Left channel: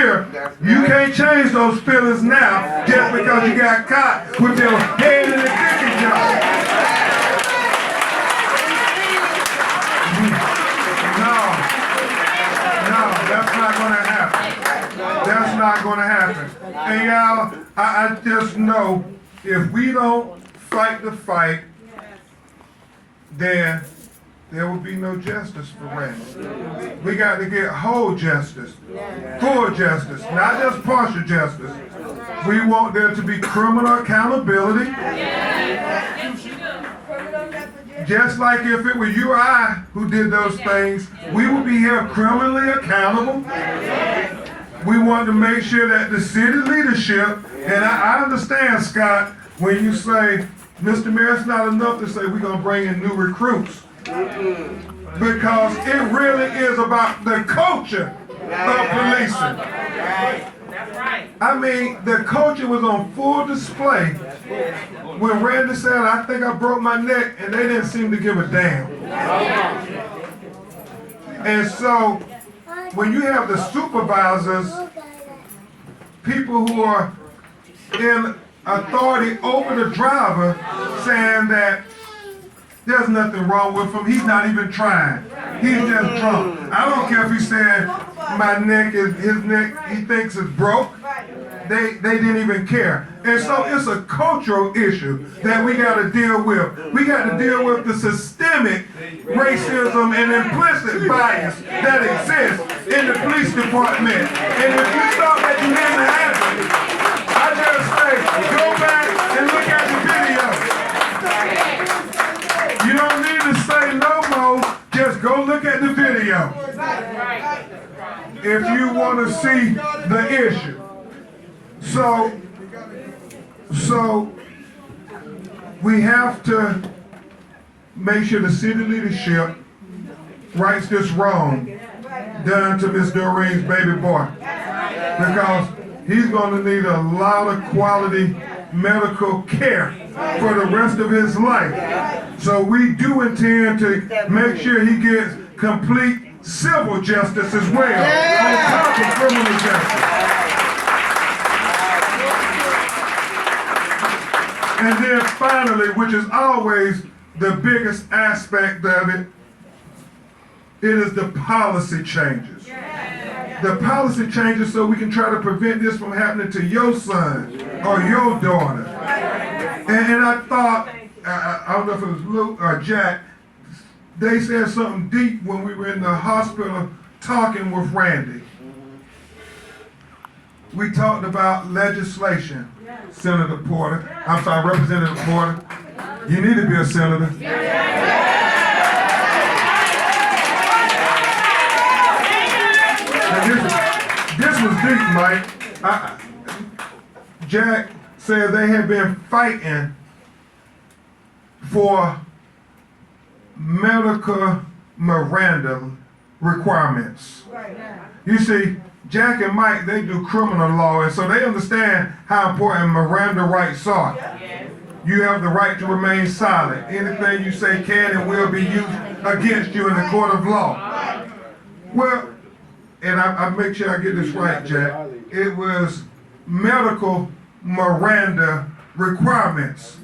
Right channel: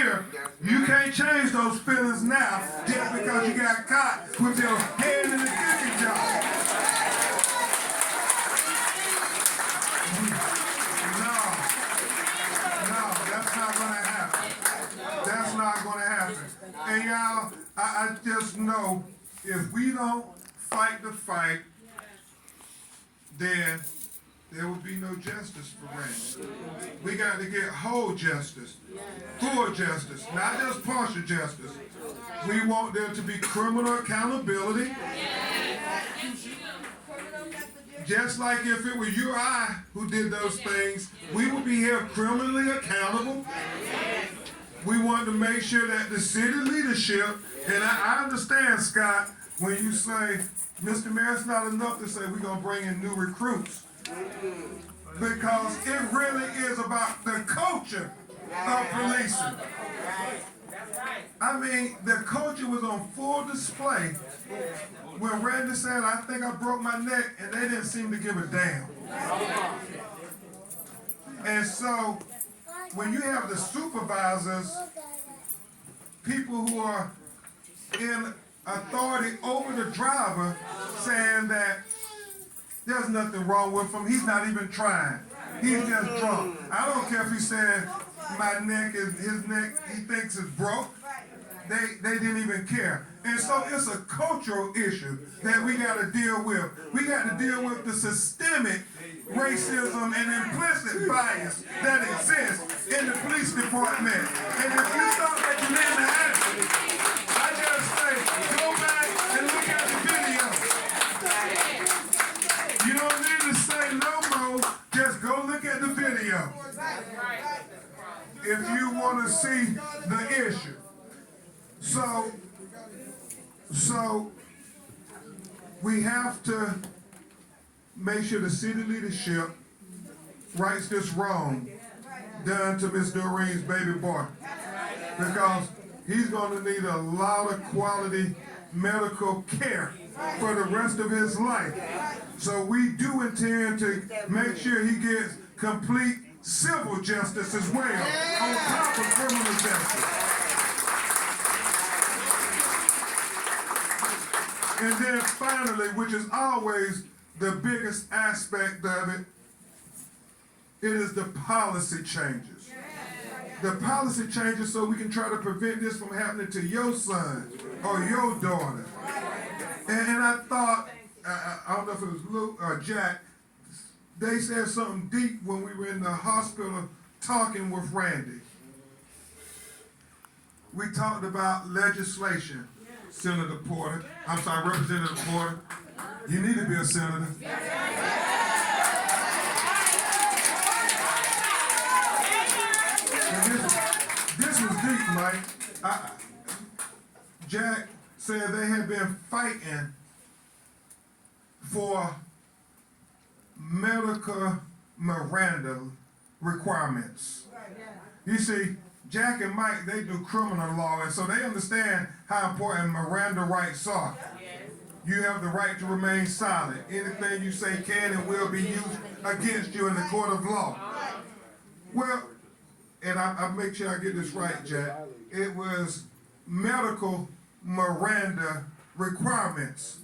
sure you can't change those feelings now just because you got caught with your head in the cookie jar. No, that's not going to happen. That's not going to happen. And y'all, I just know if we don't fight the fight, then there will be no justice for Randy. We got to get whole justice, full justice, not just partial justice. We want there to be criminal accountability. Just like if it were you or I who did those things, we would be held criminally accountable. We want to make sure that the city leadership, and I understand, Scott, when you say, Mr. Mayor, it's not enough to say we're going to bring in new recruits. Because it really is about the culture of policing. I mean, the culture was on full display when Randy said, I think I broke my neck, and they didn't seem to give a damn. And so, when you have the supervisors, people who are in authority over the driver, saying that there's nothing wrong with him, he's not even trying, he's just drunk. I don't care if he's saying my neck is, his neck, he thinks is broke. They didn't even care. And so it's a cultural issue that we got to deal with. We got to deal with the systemic racism and implicit bias that exists in the police department. And if you thought that you didn't have it, I just say, go back and look at the video. You don't need to say no more, just go look at the video. If you want to see the issue. So we have to make sure the city leadership rights this wrong done to Ms. Doreen's baby boy, because he's going to need a lot of quality medical care for the rest of his life. So we do intend to make sure he gets complete civil justice as well on top of criminal justice. And then finally, which is always the biggest aspect of it, it is the policy changes. The policy changes so we can try to prevent this from happening to your son or your daughter. And I thought, I don't know if it was Luke or Jack, they said something deep when we were in the hospital talking with Randy. We talked about legislation. Senator Porter, I'm sorry, Representative Porter, you need to be a senator. This was deep, Mike. Jack said they had been fighting for medical Miranda requirements. You see, Jack and Mike, they do criminal law, and so they understand how important Miranda rights are. You have the right to remain silent. Anything you say can and will be used against you in the court of law. Well, and I make sure I get this right, Jack, it was medical Miranda requirements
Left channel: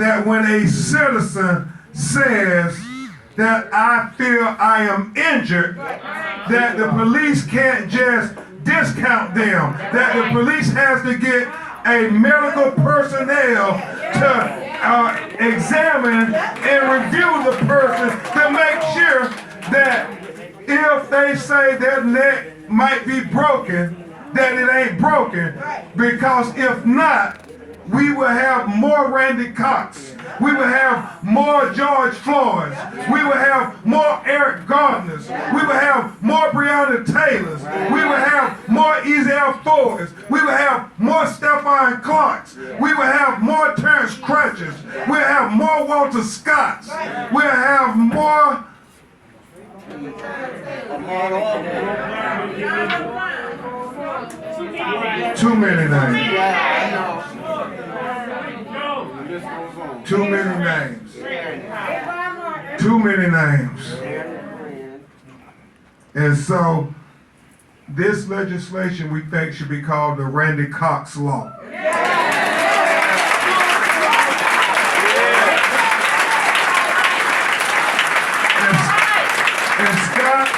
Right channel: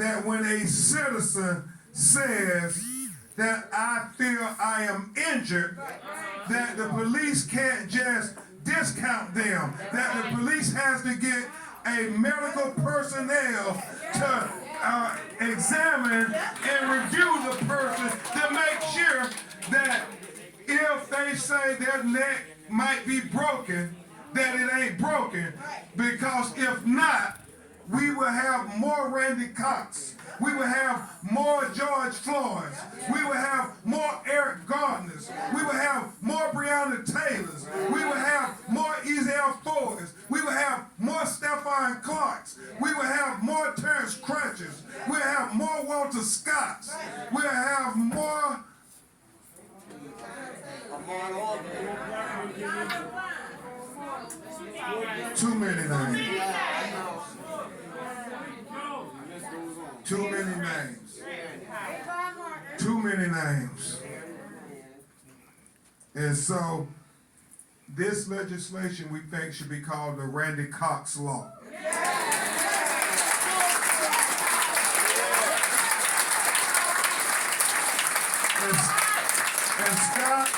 that when a citizen says that I feel I am injured, that the police can't just discount them, that the police has to get a medical personnel to examine and review the person to make sure that if they say their neck might be broken, that it ain't broken, because if not, we will have more Randy Cox. We will have more George Floyds. We will have more Eric Gardners. We will have more Breonna Taylors. We will have more Ezel Fords. We will have more Stephon Clarks. We will have more Terrence Crutches. We'll have more Walter Scotts. We'll have more. Too many names. Too many names. Too many names. And so This legislation we think should be called the Randy Cox law. And Scott,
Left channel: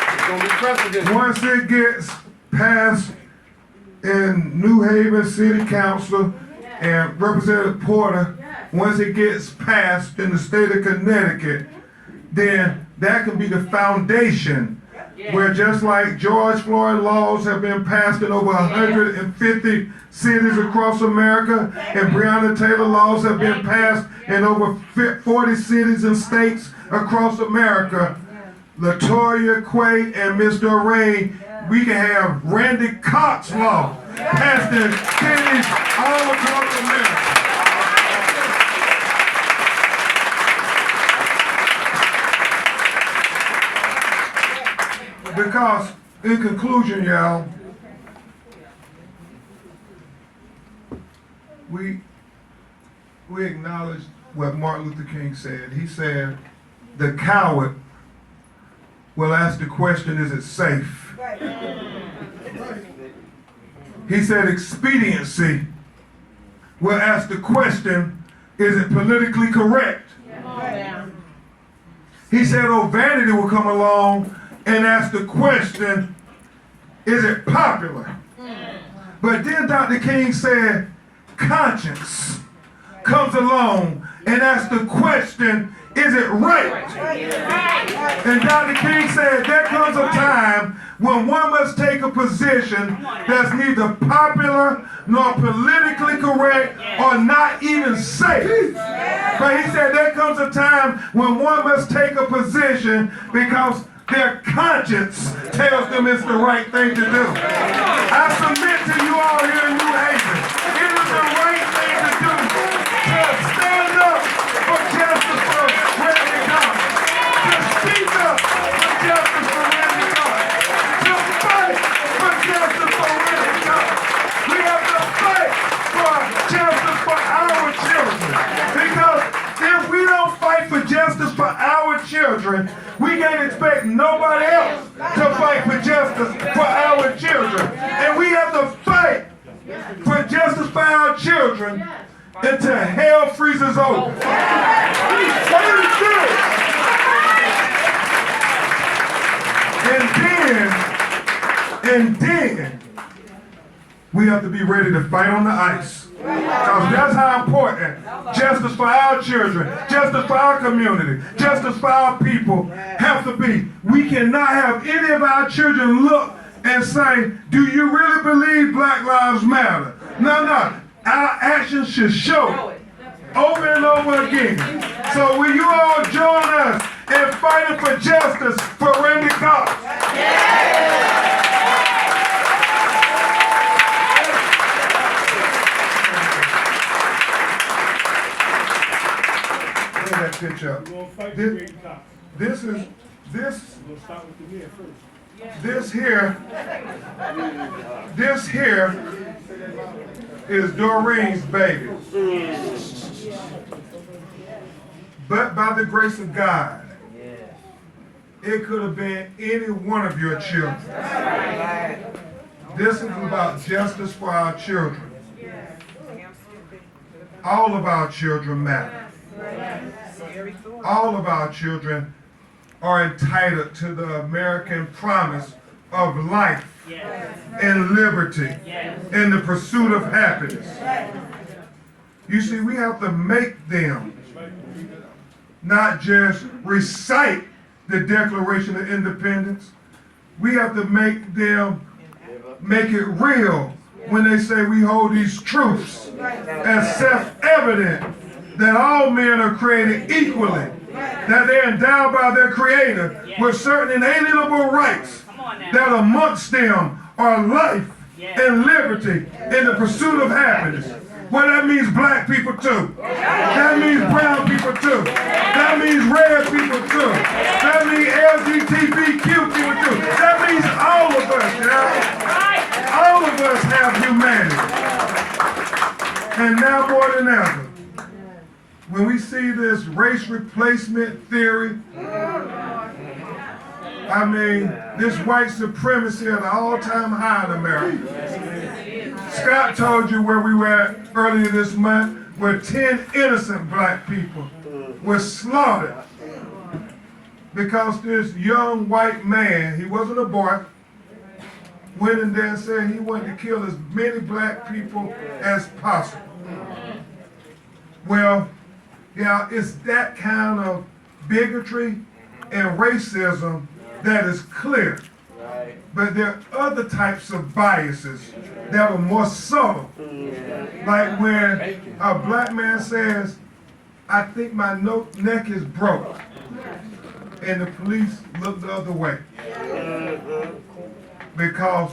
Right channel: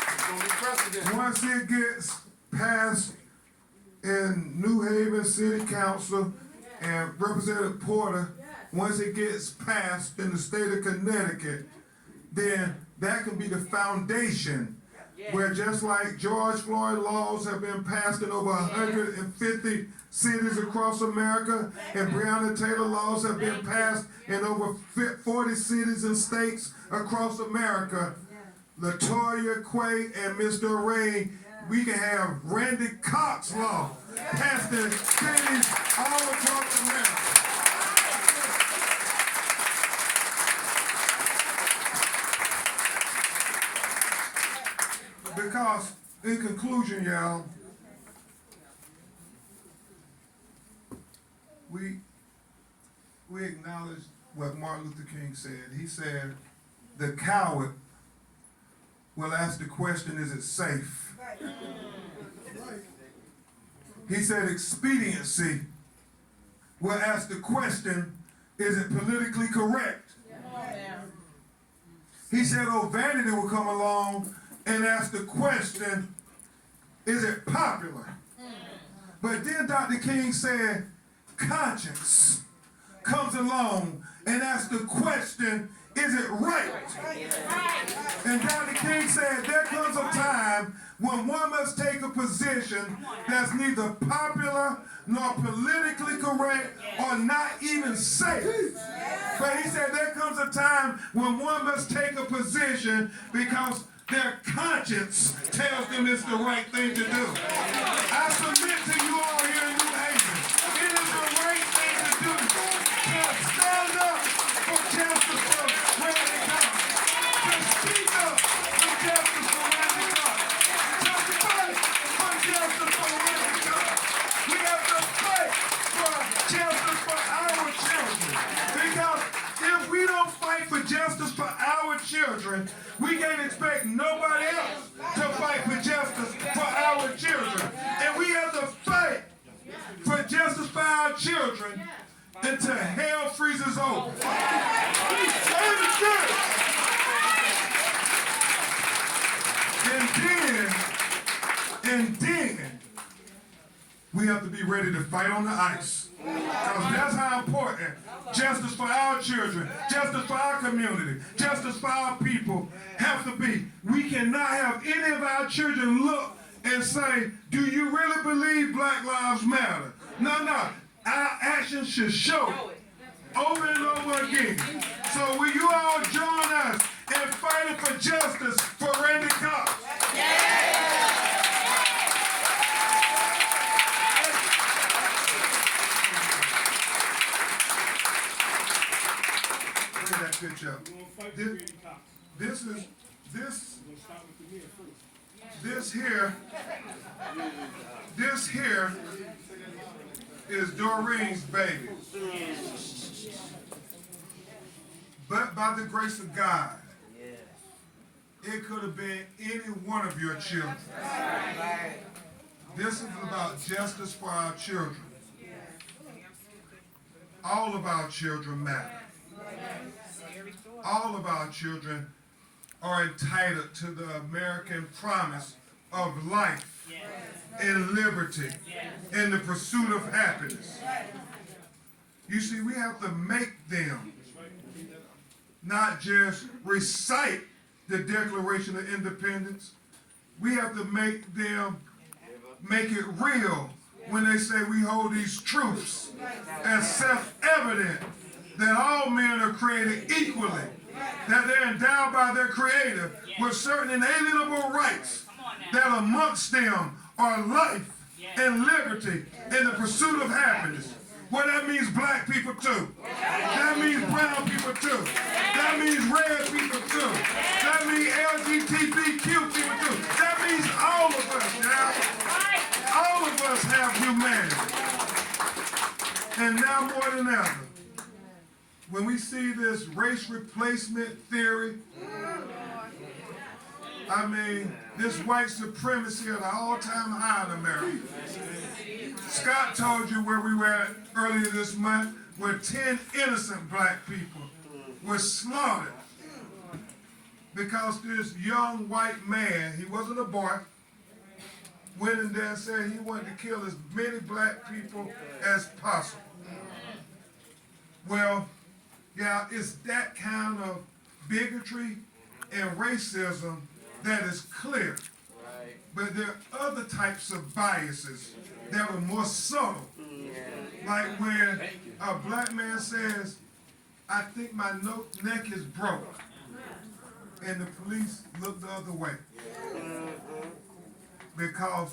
once it gets passed in New Haven City Council and Representative Porter, once it gets passed in the state of Connecticut, then that can be the foundation where, just like George Floyd laws have been passed in over 150 cities across America, and Breonna Taylor laws have been passed in over 40 cities and states across America, LaToya, Quay, and Mr. Ray, we can have Randy Cox law passed in cities all across America. Because, in conclusion, y'all, we acknowledge what Martin Luther King said. He said, the coward will ask the question, is it safe? He said, expediency will ask the question, is it politically correct? He said, oh, vanity will come along and ask the question, is it popular? But then Dr. King said, conscience comes along and asks the question, is it right? And Dr. King said, there comes a time when one must take a position that's neither popular nor politically correct or not even safe. But he said there comes a time when one must take a position because their conscience tells them it's the right thing to do. I submit to you all here in New Haven, it is the right thing to do to stand up for justice for Randy Cox, to speak up for justice for Randy Cox, to fight for justice for Randy Cox. We have to fight for justice for our children, because if we don't fight for justice for our children, we can't expect nobody else to fight for justice for our children. And we have to fight for justice for our children until hell freezes over. And then we have to be ready to fight on the ice. Because that's how important justice for our children, justice for our community, justice for our people have to be. We cannot have any of our children look and say, do you really believe Black Lives Matter? No, no. Our actions should show over and over again. So will you all join us in fighting for justice for Randy Cox? That picture. This here is Doreen's baby. But by the grace of God, it could have been any one of your children. This is about justice for our children. All of our children matter. All of our children are entitled to the American promise of life and liberty and the pursuit of happiness. You see, we have to make them not just recite the Declaration of Independence. We have to make them make it real when they say we hold these truths as self-evident that all men are created equally, that they're endowed by their Creator with certain inalienable rights, that amongst them are life and liberty and the pursuit of happiness. Well, that means black people too. That means brown people too. That means red people too. That means LGBTQ people too. That means all of us, yeah? All of us have humanity. And now more than ever, when we see this race replacement theory I mean, this white supremacy at an all-time high in America. Scott told you where we were at earlier this month, where 10 innocent black people were slaughtered because this young white man, he wasn't a boy, went in there and said he wanted to kill as many black people as possible. Well, yeah, it's that kind of bigotry and racism that is clear. But there are other types of biases that are more subtle. Like when a black man says, I think my neck is broke, and the police look the other way. Because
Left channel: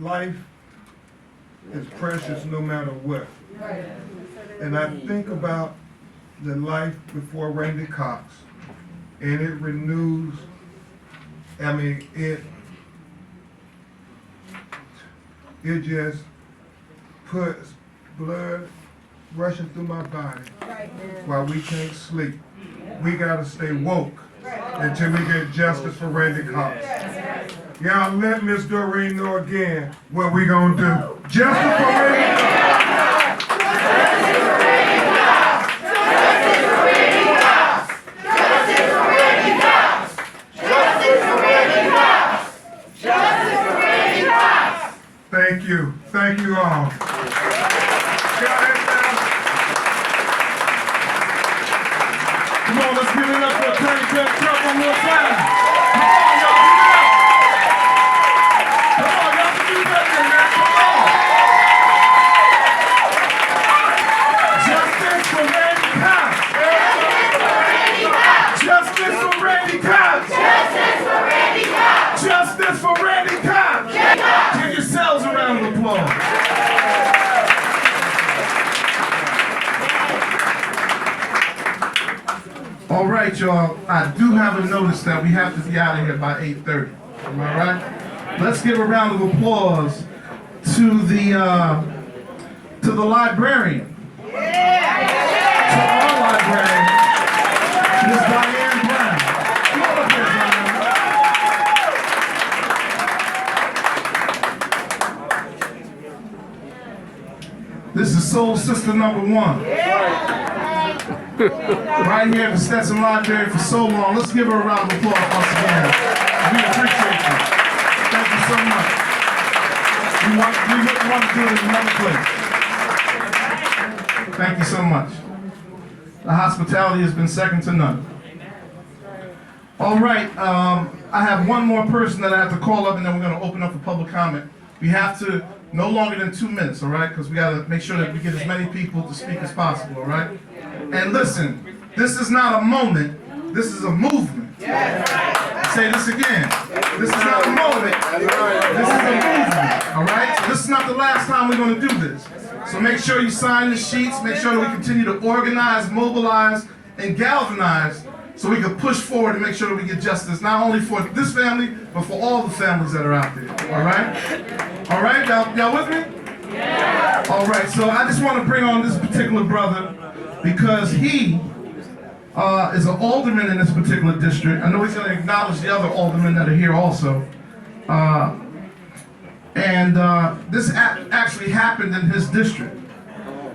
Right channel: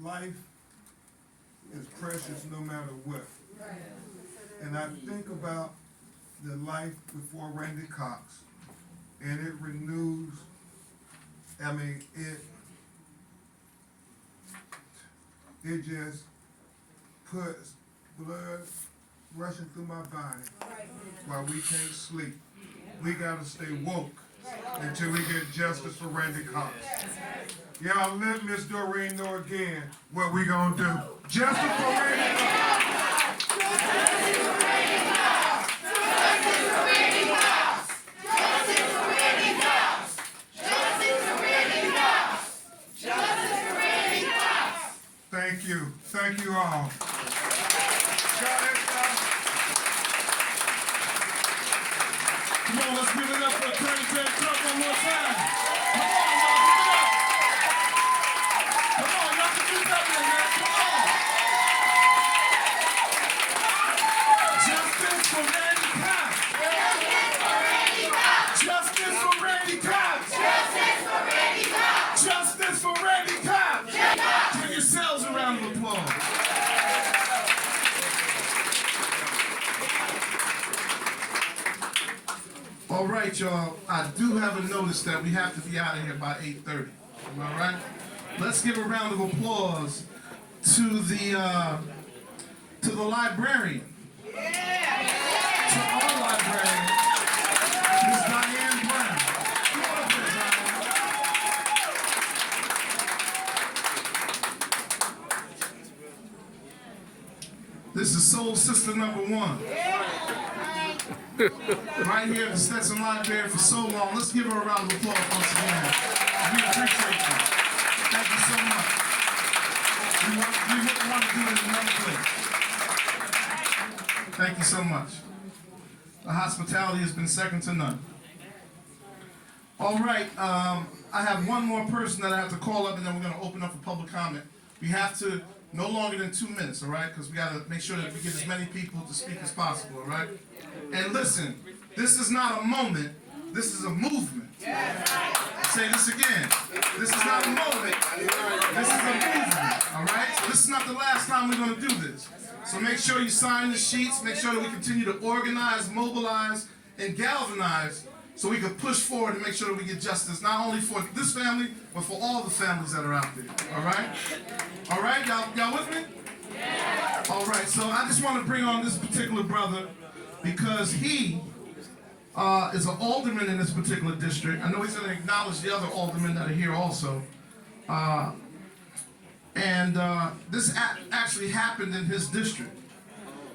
life is precious no matter what. And I think about the life before Randy Cox, and it renews, it just puts blood rushing through my body while we can't sleep. We gotta stay woke until we get justice for Randy Cox. Y'all let Miss Doreen know again what we gonna do. Justice for Randy Cox! Justice for Randy Cox! Justice for Randy Cox! Justice for Randy Cox! Justice for Randy Cox! Justice for Randy Cox! Thank you. Thank you all. Come on, let's give it up for Attorney Judge Trump one more time. Come on, y'all, give it up. Come on, y'all can do better than that. Come on. Justice for Randy Cox. Justice for Randy Cox. Justice for Randy Cox. Justice for Randy Cox. Give yourselves a round of applause. All right, y'all. I do have a notice that we have to be out of here by 8:30. Am I right? Let's give a round of applause to the librarian. To our librarian, Ms. Diane Brown. Come on up here, Diane. This is Soul Sister number 1. Right here at the Stetson Library for so long. Let's give her a round of applause once again. We appreciate you. Thank you so much. We wouldn't want to do it in another place. Thank you so much. The hospitality has been second to none. All right, I have one more person that I have to call up, and then we're going to open up for public comment. We have to no longer than 2 minutes, all right? Because we got to make sure that we get as many people to speak as possible, all right? And listen, this is not a moment, this is a movement. Say this again. This is not a moment, this is a movement, all right? So this is not the last time we're going to do this. So make sure you sign the sheets, make sure that we continue to organize, mobilize, and galvanize so we can push forward and make sure that we get justice, not only for this family, but for all the families that are out there, all right? All right, y'all with me? Yeah. All right, so I just want to bring on this particular brother because he is an alderman in this particular district. I know he's going to acknowledge the other aldermen that are here also. This actually happened in his district.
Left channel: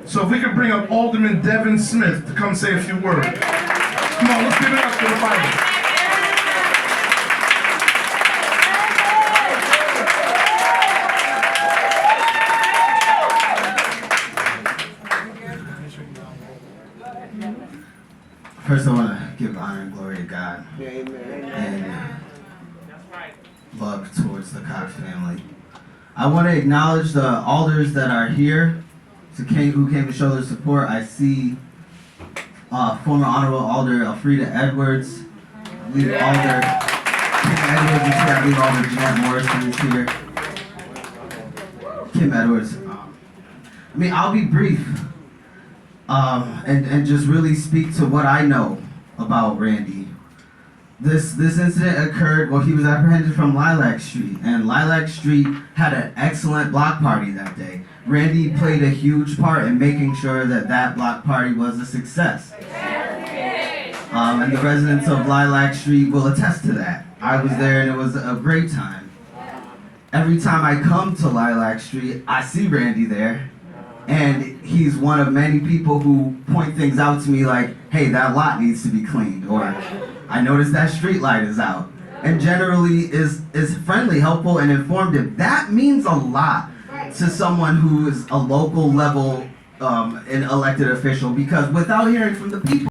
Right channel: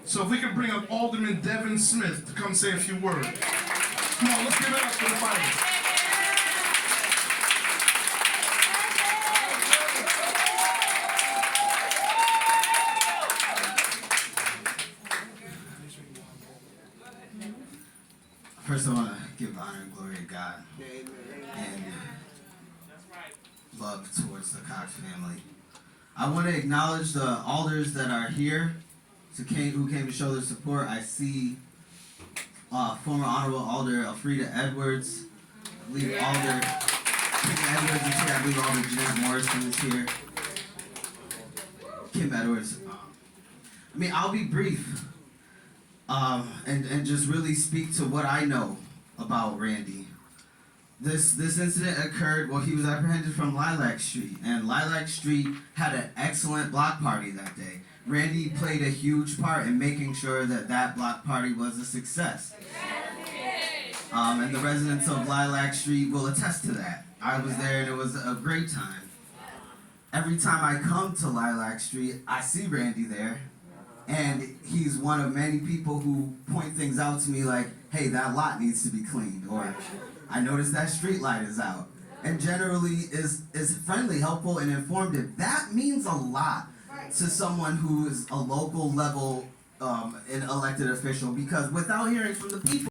So if we could bring up Alderman Devin Smith to come say a few words. Come on, let's give it up to the fighter. First, I want to give honor and glory to God and love towards the Cox family. I want to acknowledge the alders that are here who came to show their support. I see former Honorable Alder Elfrida Edwards, I believe Alder Kim Edwards is here, I believe Alder Jeanette Morrison is here. Kim Edwards. I'll be brief. And just really speak to what I know about Randy. This incident occurred while he was apprehended from Lilac Street, and Lilac Street had an excellent block party that day. Randy played a huge part in making sure that block party was a success. And the residents of Lilac Street will attest to that. I was there and it was a great time. Every time I come to Lilac Street, I see Randy there. And he's one of many people who point things out to me like, hey, that lot needs to be cleaned, or I noticed that street light is out. And generally is friendly, helpful, and informative. That means a lot to someone who is a local level an elected official, because without hearing from the people,